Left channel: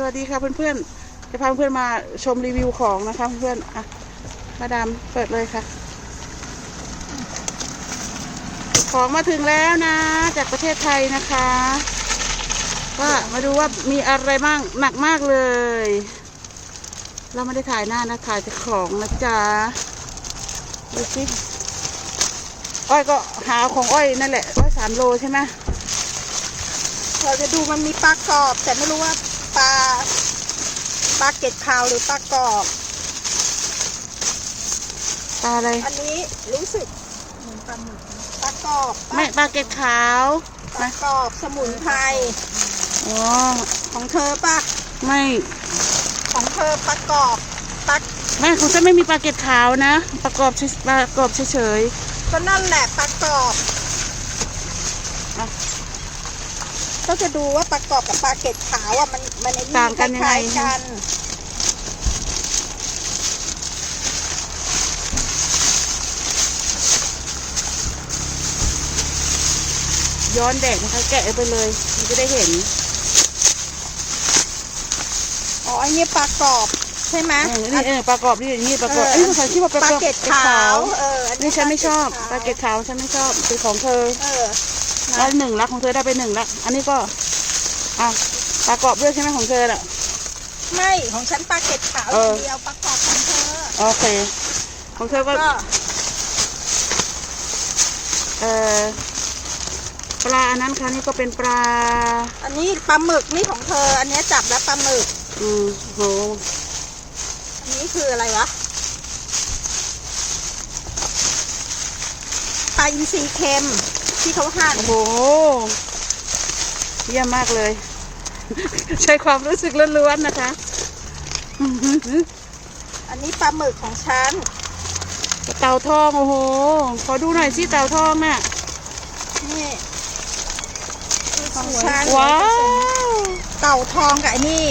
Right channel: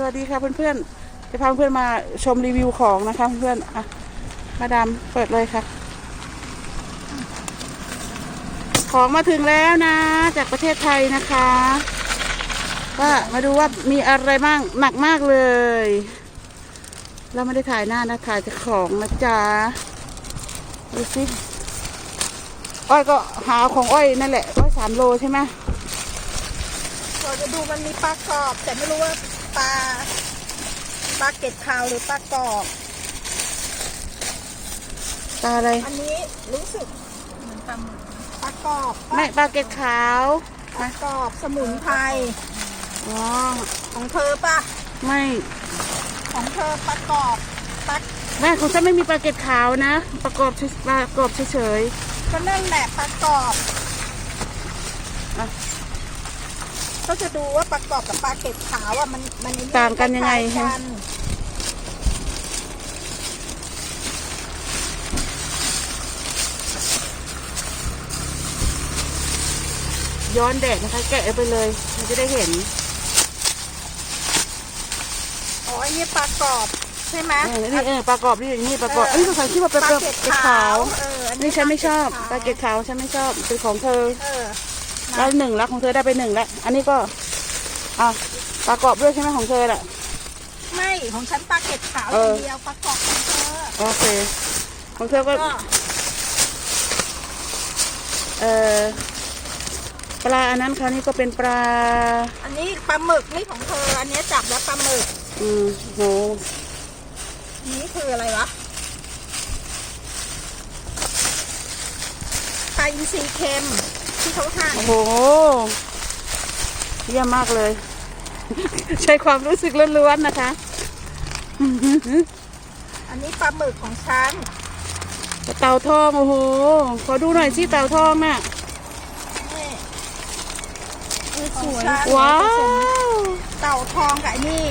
สวัสดีค่ะเพื่อนๆ จะพาเพื่อนมาชมรีวิวของนะคะเพื่อนๆอะมาดามเปิดเลยค่ะ ของมาถึงแล้วนะ จากประเทศไทยนะคะก็มาดูว่ามีอะไรบ้างหนักมากเลย เราไม่ได้ถ่ายหน้านะถ่ายจากของนะจ๊ะดูสิอ้อยก็หาของอ้อยนั่นแหละอ้อยสามโลใช่ไหมเราจะดูมันมีปลากรอบ แต่ไม่รู้ว่า ปลาปลาเกล็ดขาวหรือปลากรอบปลาอะไร อันนี้รู้สึกเหมือนปลาหมึกปลากรอบไม่ปลาเกล็ดขาวปลากรอบสมุนไพรอ๋อของเธอปะไม่ของเธอปลากรอบปลาแม่ของฉันไม่มีปลาเกล็ดขาวนะ ประกอบเฉยปลากรอบเฉยก็นั่นแหละปลากรอบ ๆอะ ก็ จะดูว่าปลากรอบกับปลาเกล็ดขาวอะมันมันไอ้ต่างกันยังไงคล้าคะ ๆกันย้อนแดดนะคะ แกะไปเลย มันจะได้เห็นอ๋ออันนี้ปลากรอบใช่ไหมเออนี่เออปลากรอบนี่นี่ปลากรอบเอ้ยสงสัยที่ว่าเป็นปลาเกล็ดขาว เอออันี่ฉันไม่ชอบปปลาลาเกเกล็ล็ดดขาวฉันไม่ชอบเป็นของเธอ เออ ได้หนึ่งละของเธอได้ไปหนึ่งละอันนี้ก็อะปลากรอบด้วยใช่ไหมของเธอน่ะ ไม่ของฉันปลาเกล็ดขาวเอออ ย่างเดียวปลากรอบของเธอโอเค ของเธอก็ ก็เออปลาอันนั้นค่ะนี่ก็เป็นปลา อันนี้ปลาหมึกนี่ของเธอ อันนี้จับแล้วปลาหมึกอืมโหอันนี้คืออะไรวะปลาอินทรีเค็ม ที่เขาหั่นโอ้โห เยี่ยมมากเลย ใช้ความรู้สึกล้วนๆนะคะ อันนี้ปลาหมึกของฉัน เต่าทองโอ้โห ขอดูหน่อยสิเต่าทองน่ะนี่ของฉันว้าวเต่าทองกับไอ้นี่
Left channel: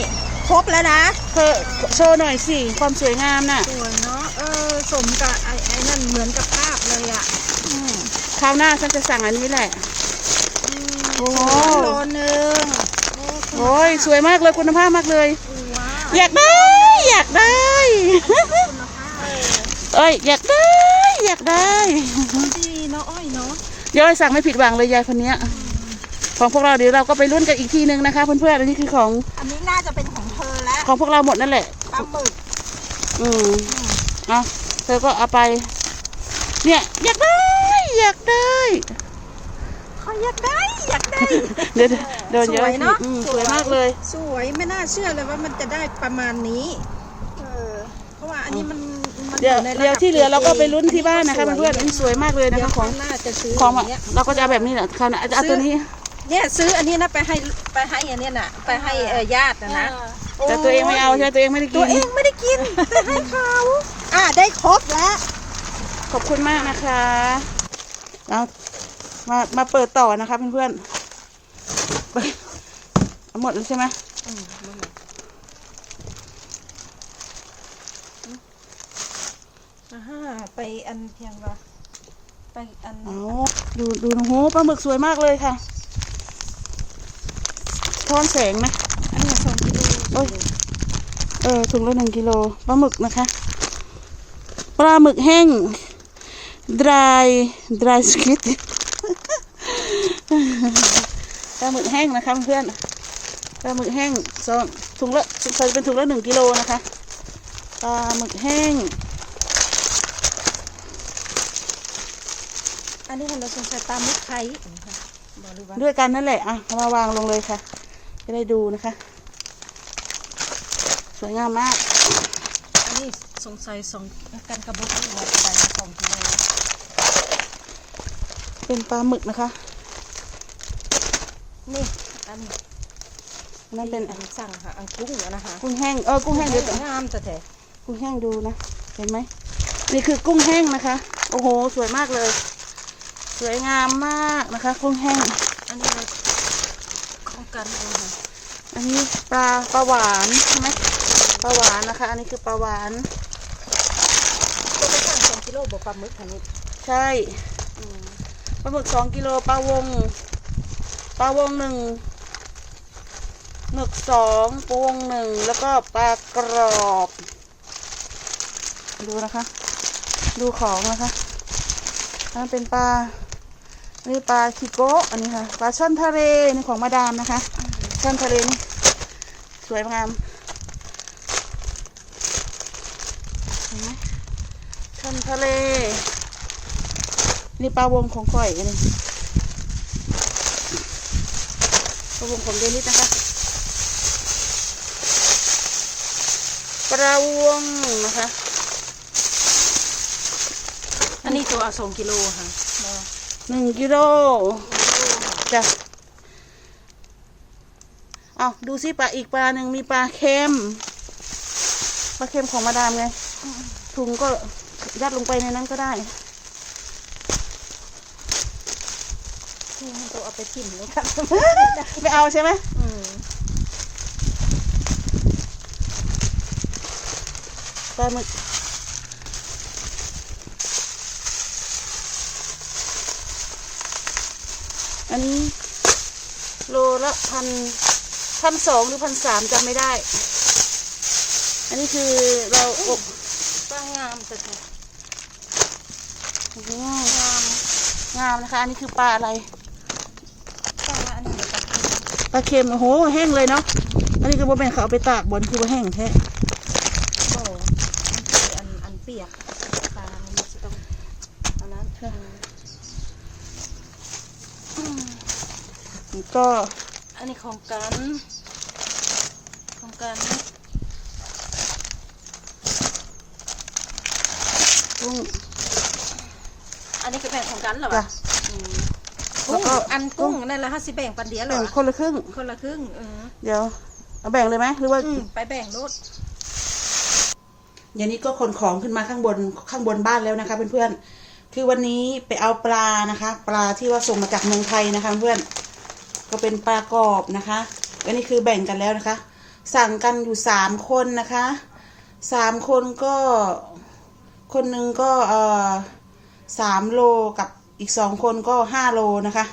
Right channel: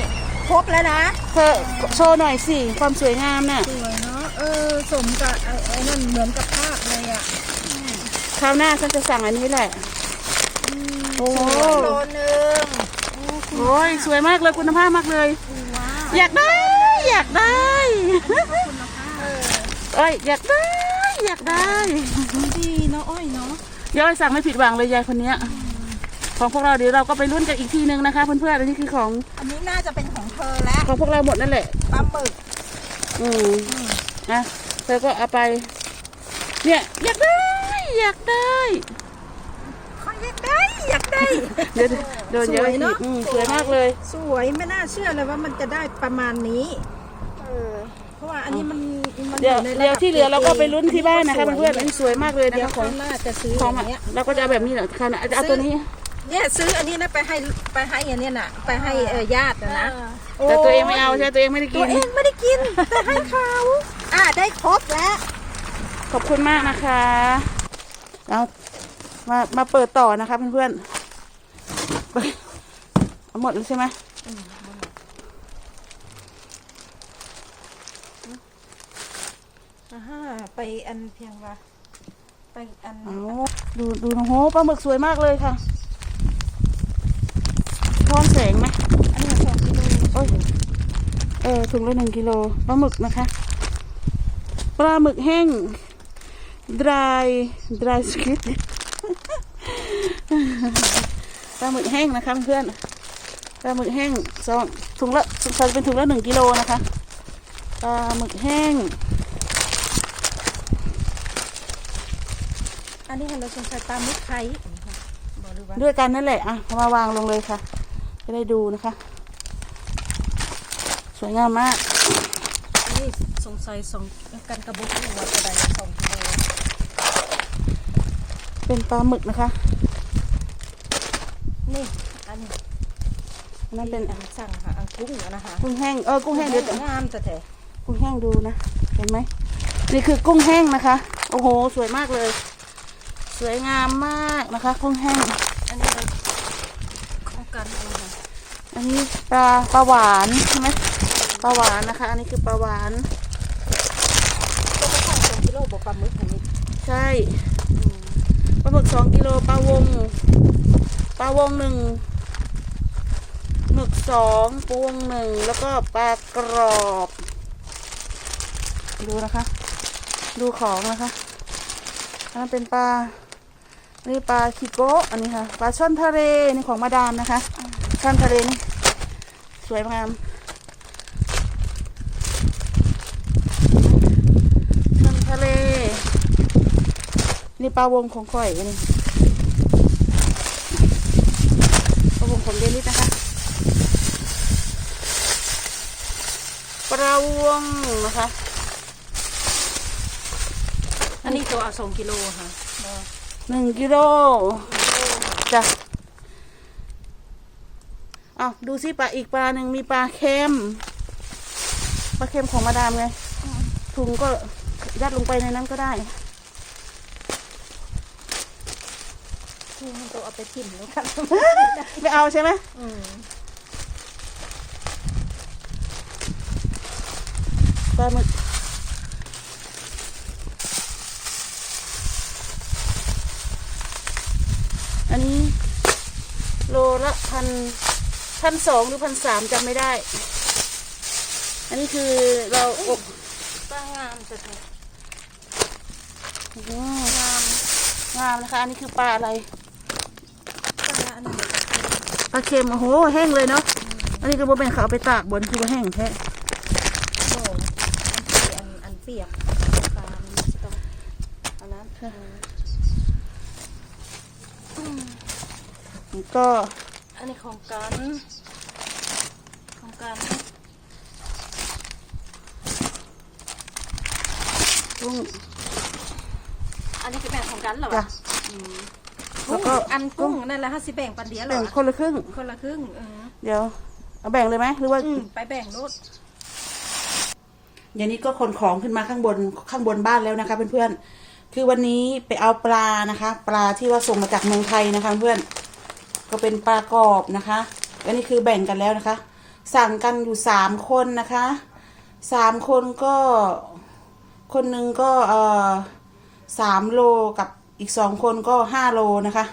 ครบแล้วนะเธอโชว์หน่อยสิ ความสวยงามน่ะ สวยเนาะ เออ สมกับไอ้ไอ้นั่นเหมือนกับภาพเลยอะอืม คราวหน้าฉันจะสั่งอันนี้แหละอืมโอ้โหสวยโลนึงโอ้ยสวยมากเลยคุณภาพมากเลยว้าวอยากได้ อยากได้คุณภาพเออเอ้ยอยากได้ อยากได้ดีเนาะอ้อยเนาะเดี๋ยวไอ้สั่งไม่ผิดหวังเลยยายคนเนี้ยของพวกเราเดี๋ยวเราก็ไปรุ่นกันอีกทีนึงนะคะเพื่อนๆอันนี้คือของ อันนี้น่าจะเป็นของเธอแล้ว ของพวกเราหมดนั่นแหละปลาหมึกอืมนะเธอก็เอาไป เนี่ยอยากได้ อยากได้เขาอยากได้อยากได้ เดี๋ยวเดี๋ยวสเดี๋ยววยเนอะ อืมสวยมากเลย สวยไม่น่าเชื่อเลยว่ามันจะได้ประมาณนี้เออเพราะว่าอันนี้มันมันเดี๋ยวในระเดี๋ยวที่เหลือเราก็ไปลุ้นที่บ้านนะคะสวยเพื่อนๆอันนี้สวยมากเลยนะเดี๋ยวคะขเขาองน่าจะซื้อของออะย่างเงี้ยเราก็จะเอาแบบนี้แหละค่ะเอาเอาตัวนี้ เนี่ยซื้ออันนี้นะไปให้ไปให้อันเนี้ยน่ะไปให้เออญาตินะนะแต่ตัวเองไม่เอาใช่ไหมตัวเองไม่ได้ตักิวน เองไม่ได้กินแต่ให้เขาอะได้ครบแล้ว ขอบคุณมากนะคะ เอามามาเปิดต่อนะคะเพื่อนๆเปิดเอาหมดแล้วใช่ไหมอ่าฮะไปอันเพียงว่าไปอันเอาดูดูโอ้โหปลาหมึกสวยมากเลยค่ะทอนแสงไหมอันนี้สองกิโลโอ้ยเออถุงละหนึ่งกิโลปลาหมึกนะคะปลาหมึกแห้ง dry dry squid ปลาหมึกแห้งนะคะเพื่อนปลาหมึกแห้งสองถุงละใส่เป็นถุงละหนึ่งกิโลนะคะปลาหมึกแห้ง อันนี้เราสงสัยปลาหมึกไทยบอกเลยว่าด้วยกันนั่นแหละอะเอามาวางลงเลยค่ะ จะได้ดูนะคะ สวยงามมาก อันนี้สงสัยสองกันกระบอกหัวกระบอกสองกิโลเป็นปลาหมึกนะคะ นี่อันอันนั้นเป็นอันสั่งค่ะอันกุ้งอะนะคะกุ้งแห้งเออกุ้งแห้งเดี๋ยวก่อนงามแต่แต่กุ้งแห้งดูนะเห็นไหมนี่คือกุ้งแห้งนะคะ โอ้โห สวยมากเลย สวยงามมากนะคะ กุ้งแห้ง อันนี้เราป้องกันเองค่ะอันนี้ปลาปลาหวานใช่ไหม ปลาหวานนะคะ อันนี้คือปลาหวานก็ไปสั่งสองกิโลบอกปลาหมึกอันนี้ใช่ปลาหมึกสองกิโลปลาวงปลาวงหนึ่งหมึกสองปวงหนึ่งแล้วก็ปลากรอบ ดูนะคะ ดูของนะคะอันนั้นเป็นปลาอันนี้ปลาคิโกะอันนี้ค่ะปลาช่อนทะเลนี่ของมาดามนะคะช่อนทะเลนี่สวยงามช่อนทะเล นี่ปลาวงของก่อยอันนี้ปลาวงของเดนิสนะคะปลาวงนะคะ อันนี้ตัวเอาสองกิโลค่ะหนึ่งกิโลจ้ะอ้าวดูสิปลาอีกปลาหนึ่งมีปลาเค็มปลาเค็มของมาดามไงถุงก็ยัดลงไปในนั้นก็ได้ี่มันตัวเอาไปกินเลยค่ะไม่เอาใช่ไหมอืมปลาหมึกอันนี้โลละพันพันสองหรือพันสามจำไม่ได้ อันนี้คือเราอบต้องงามสุดค่ะอืมงาม งามนะคะ อันนี้คือปลาอะไร ต้องละอันนี้เดี๋ยวจะกิน ปลาเค็มโอ้โหแห้งเลยเนาะอันนี้คือบ่เป็นเขาเอาไปตากบนคือว่าแห้งแท้โบอันเปียกอันอันเปียกปลามันจะต้องอันนั้นค่ะอืมก็ อันนี้ของกันของกันกุ้งอันนี้คือแบ่งของกันเหรอจ้ะวะอืม แล้วก็อันกุ้งนั่นแหละห้าสิแบ่งปันเดียวเหรแบ่องคนละครึ่ง คนละครึ่งเออเดี๋ยว เอาแบ่งเลยไหมหรือว่า อืมไปแบ่งรถอย่างนี้ก็ขนของขึ้นมาข้างบนข้างบนบ้านแล้วนะคะเพื่อนๆ คือวันนี้ไปเอาปลานะคะ ปลาที่ว่าส่งมาจากเมืองไทยนะคะเพื่อนก็เป็นปลากรอบนะคะอันนี้คือแบ่งกันแล้วนะคะ สั่งกันอยู่สามคนนะคะสามคนก็คนหนึ่งก็เอ่อสามโลกับ อีกสองคนก็ห้าโลนะคะ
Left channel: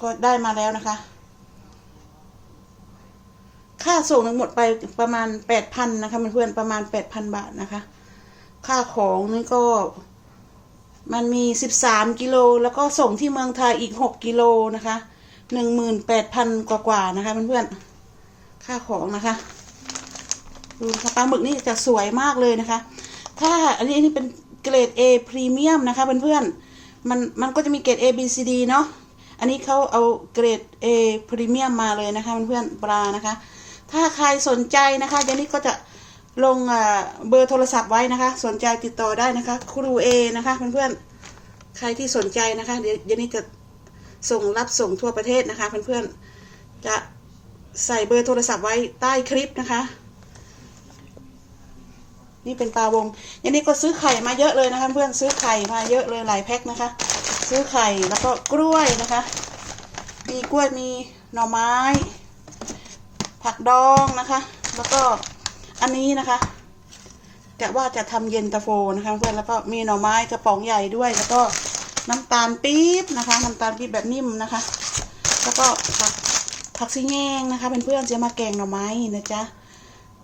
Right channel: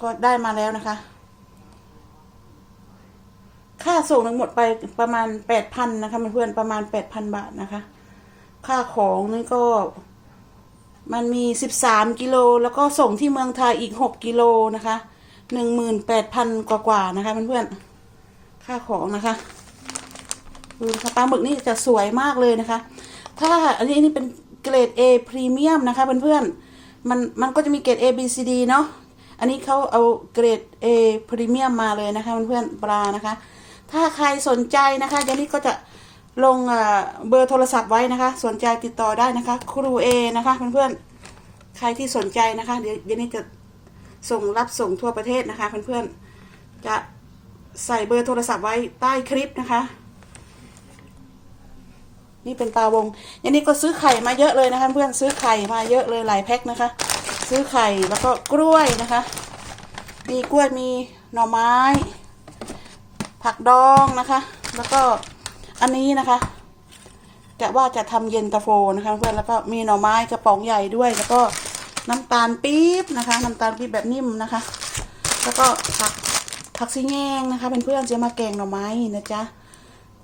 ก็ได้มาแล้วนะคะ ค่าส่งทั้งหมดไปประมาณแปดพันนะคะเพื่อนๆประมาณแปดพันบาทนะคะ ค่าของนี่ก็มันมีสิบสามกิโลแล้วก็ส่งที่เมืองไทยอีกหกกิโลนะคะหนึ่งหมื่นแปดพันกว่าๆนะคะเพื่อนๆค่าของนะคะดูนะคะปลาหมึกนี่จะสวยมากเลยนะคะ ถ้าอันนี้นนี้เป็น เกรด A พรีเมียมนะคะเพื่อนๆมันมันก็จะมีเกรด A B C D เนาะอันนี้เขาเอาเกรด A พรีเมียมมาเลยนะคะเพื่อนๆปลานะคะ ถ้าใครสนใจนะคะยานี่ก็จะลงเบอร์โทรศัพท์ไว้นะคะ สนใจติดต่อได้นะคะ ครูเอนะคะเพื่อนๆใครที่สนใจนะคะ เดี๋ยวยานี่จะส่งรับส่งทั่วประเทศนะคะเพื่อนๆจะใส่เบอร์โทรศัพท์ไว้ใต้คลิปนะคะ นี่เป็นปลาวงอันนี้ก็ซื้อไข่มาเยอะเลยนะคะ เพื่อนซื้อไข่มาเยอะเลยหลายแพ็คนะคะ ซื้อไข่แล้วก็กล้วยนะคะ มีกล้วยมีหน่อไม้ ผักดองนะคะ แล้วก็อันนี้นะคะจะว่าจะทำเย็นตาโฟนะคะเพื่อนแล้วก็มีหน่อไม้กระป๋องใหญ่ด้วย แล้วก็น้ำตาลปี๊บนะคะ น้ำตาลปี๊บแบบนิ่มนะคะ แล้วก็ผักผักซีแงงนะคะเพื่อนๆจะมาแกงหน่อไม้นะจ๊ะ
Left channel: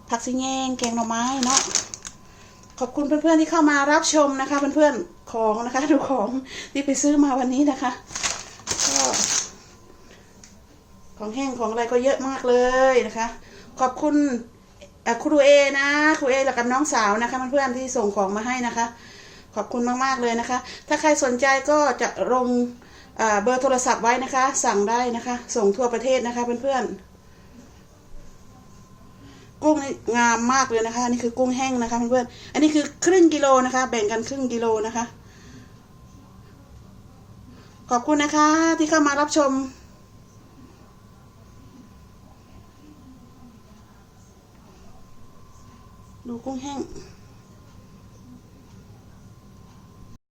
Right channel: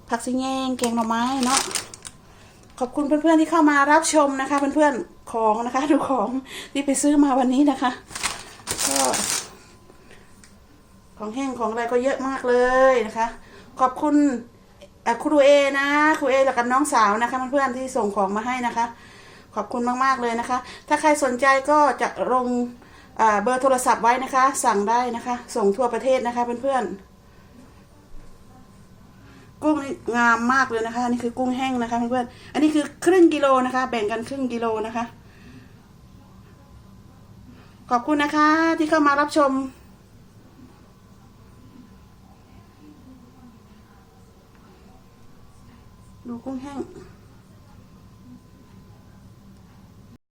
ผักซีแงงแกงหน่อไม้เนาะ อบคุณเพื่อนๆที่เข้ามารับชมนะคะ เพื่อนๆของนะคะ ดูของที่ไปซื้อมาวันนี้นะคะก็ของแห้งของอะไรก็เยอะมากเลยนะคะ ขอบคุณครูเอนะครูเอแล้วกับน้องสาวนะคะเพื่อนๆที่ส่งของมาให้นะคะ ขอบคุณมากๆเลยนะคะ ถ้าใครสนใจก็จะลงเอ่อเบอร์โทรศัพท์ไว้นะคะ สั่งได้นะคะ ส่งทั่วประเทศนะคะเพื่อนๆ กุ้งนี่งามมากเลยนะคะอันนี่คือกุ้งแห้งนะคะเพื่อนๆอันนี้คือครึ่งกิโลนะคะ แบ่งกันครึ่งกิโลนะคะ ขอบคุณนะคะที่เข้ามารับชมดูกุ้งแห้ง